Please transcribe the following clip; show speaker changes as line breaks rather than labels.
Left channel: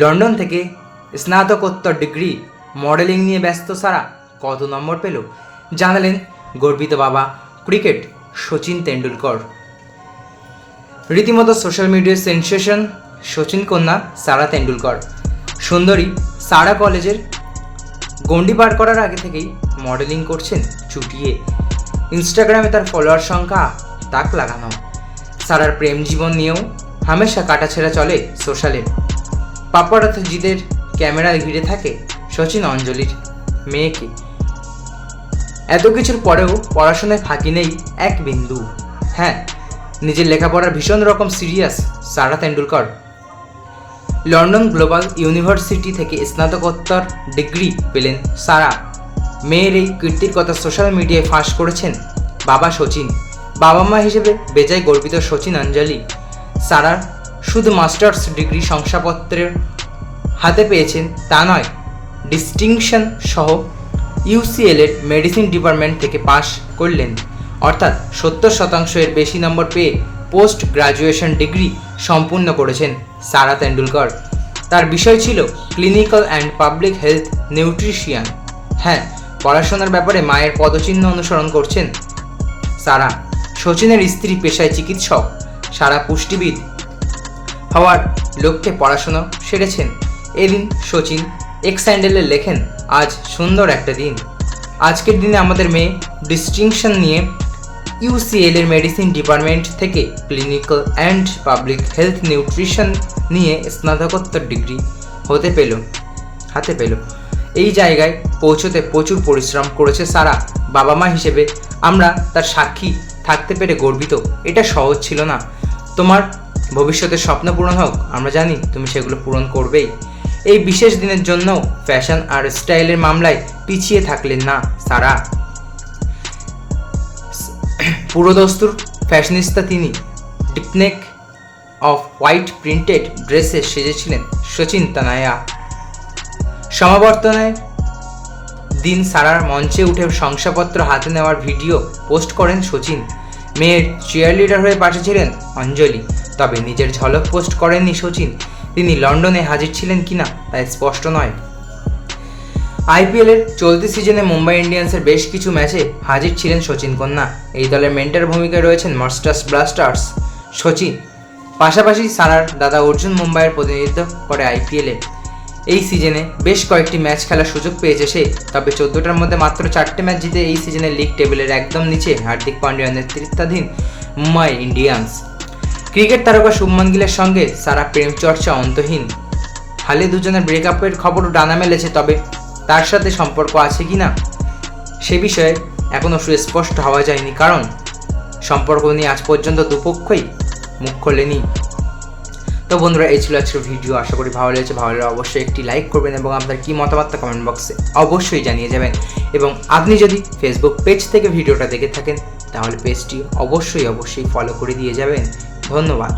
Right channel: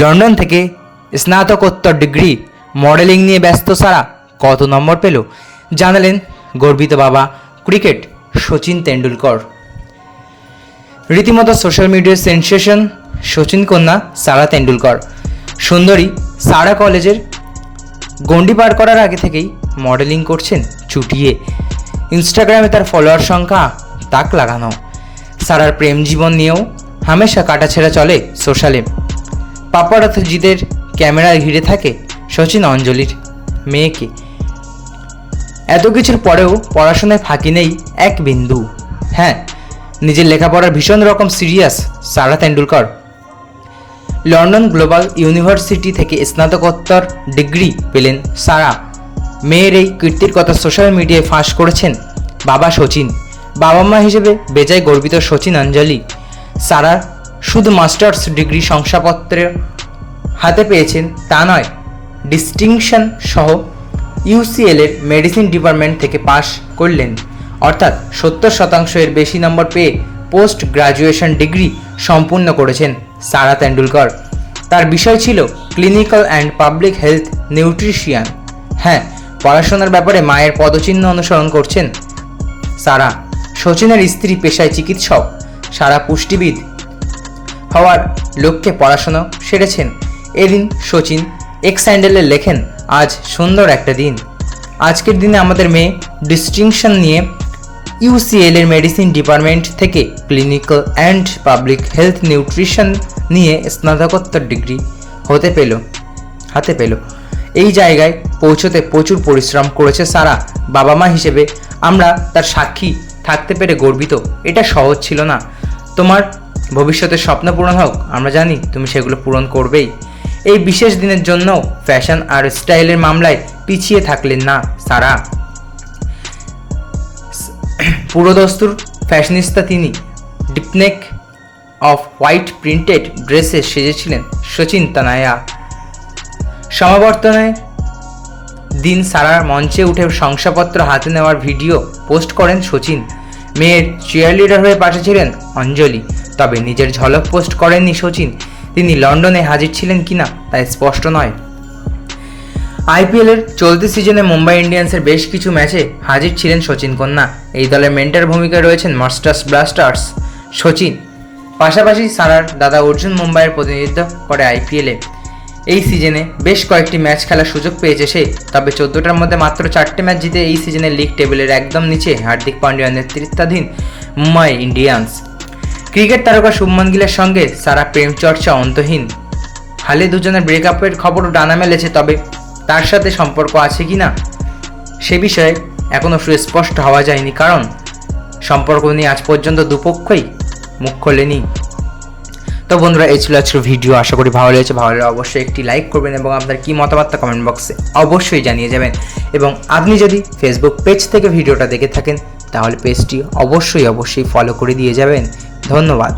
London থেকে স্নাতকোত্তর degree modelling নিয়ে ব্যস্ত সারা কত নম্বর পেল? জানালেন গর্বিত বাবা ক্রিকেট সচিন তেন্ডুলকর। রীতিমতো সোশ্যাল মিডিয়ার সেন্সেশন সচিন কন্যা সারা তেন্ডুলকর। সুন্দরী সারা কলেজের গণ্ডি পার করার আগে থেকেই মডেলিং করছেন চুটিয়ে। ইনস্টাগ্রামে তার ফলোয়ার সংখ্যা তাক লাগানো। সারার প্রেম জীবন নিয়েও হামেশা কাটাছেড়া চলে সোশ্যালে। পাপারাথজিদের ক্যামেরায় ঘিরে থাকে শচীন অঞ্জলির মেয়েকে। এত কিছুর পরেও পড়াশোনায় ফাঁকি নেই এক বিন্দু। হ্যাঁ নিজের লেখাপড়ার ভীষণ রকম serious Sara Tendulkar. London Global University থেকে স্নাতকোত্তর ডিগ্রি পেলেন সারা। মেয়ের এই কীর্তির কথা সোশ্যাল মিডিয়ায় ফাঁস করেছেন বাবা শচীন বাবা মা হিসেবে বেজায় গর্বিত শচীন অঞ্জলি। সারা শুধু মাস্টার্স ডিগ্রি শংসাপত্রের হাতে পেয়েছেন তা নয় ডিস্টিংশন সহ ইউসিএল এর মেডিসিন ডিপার্টমেন্ট থেকে পাশ করলেন। অর্থাৎ সত্তর শতাংশ এর বেশি নম্বর পেয়ে পোস্ট গ্রাজুয়েশন ডিগ্রি সম্পূর্ণ করেছেন সারা তেন্ডুলকর। তার বিষয় ছিল clinical and public health nutrition হ্যাঁ পড়াশোনার ব্যাপারে মায়ের পদচিহ্ন অনুসরণ করছেন সারা। সচিনের স্ত্রী পেশায় চিকিৎসক। সারা পুষ্টিবিদ হওয়ার লক্ষ্যে পড়াশোনা সেরেছেন। এদিন সচিন এক্স হ্যান্ডেলে লেখেন, আজ সুন্দর একটা দিন। আজকের দিনে আমাদের মেয়ে ডিস্টিংশন নিয়ে ইউসিএল এর মেডিসিন ডিপার্টমেন্ট থেকে clinical and public health nutrition নিয়ে স্নাতকোত্তর ডিগ্রি হতে পেল, হাতে পেল। এই জায়গায় পৌঁছতে প্রচুর পরিশ্রম করেছে সারা বাবা মা হিসেবে। আমরা তার সাক্ষী থাকতে পেরে গর্বিত। এটা সহজ ছিল না। তোমার ভবিষ্যতের স্বপ্ন পূরণ হোক, আমরা জানি তুমি সেগুলো পূরণ করবেই। এই বিশেষ দিনের জন্য ফ্যাশন আর স্টাইলের মামলায় পিছিয়ে থাকলেন না সারা। পুরোদস্তুর ফ্যাশনিস্তা তিনি deep neck off white printed ড্রেসে সেজেছিলেন সচিন তানায়া। সমাবর্তনে দিন সারার মঞ্চে উঠে শংসাপত্র হাতে নেওয়ার ভিডিও পোস্ট করেন সচিন মেয়ের চেয়ার লিডার হয়ে পাশে ছিলেন অঞ্জলি। তবে নিজের ঝলক পোস্ট করেননি সচিন। তিনি লন্ডনে হাজির ছিলেন কিনা তা স্পষ্ট নয়। আইপিএলের চলতি সিজনে মুম্বাই ইন্ডিয়ান্সের বেশ কিছু ম্যাচে হাজির ছিলেন সচিন কন্যা। এই দলের মেন্টার ভূমিকায় রয়েছেন মাস্টার্স ব্লাস্টার্স সচিন। পাশাপাশি সারার দাদা অর্জুন মুম্বাইয়ের প্রতিনিধিত্ব করে আইপিএলে। এই সিজনে বেশ কয়েকটি ম্যাচ খেলার সুযোগ পেয়েছে সে, তবে চোদ্দোটার মধ্যে মাত্র চারটে ম্যাচ জিতে এই সিজনে লিগ টেবিলের একদম নিচে হার্দিক পান্ডিয়ার নেতৃত্বাধীন মুম্বাই ইন্ডিয়ান্স। ক্রিকেট তারকা শুভমান গিলের সঙ্গে সারা প্রেম চর্চা অন্তহীন। হালে দুজনের ব্রেকআপের খবরও ডানা মেলেছে তবে তার সাথে সম্পর্ক আছে কি না, সে বিষয়ে এখনও সুস্পষ্ট হওয়া যায়নি, কারণ সম্পর্ক নিয়ে আজ পর্যন্ত দুপক্ষই মুখ খোলেনি। তো বন্ধুরা, এই ছিল আজকের ভিডিও আশা করি ভালো লেগেছে। ভালো লাগলে অবশ্যই একটি লাইক করবেন এবং আপনার কী মতামত কমেন্ট বক্সে অবশ্যই জানিয়ে যাবেন। এবং আপনি যদি ফেসবুক পেজ থেকে ভিডিওটা দেখে থাকেন, তাহলে পেজটি অবশ্যই অবশ্যই ফলো করে দিয়ে যাবেন। ধন্যবাদ।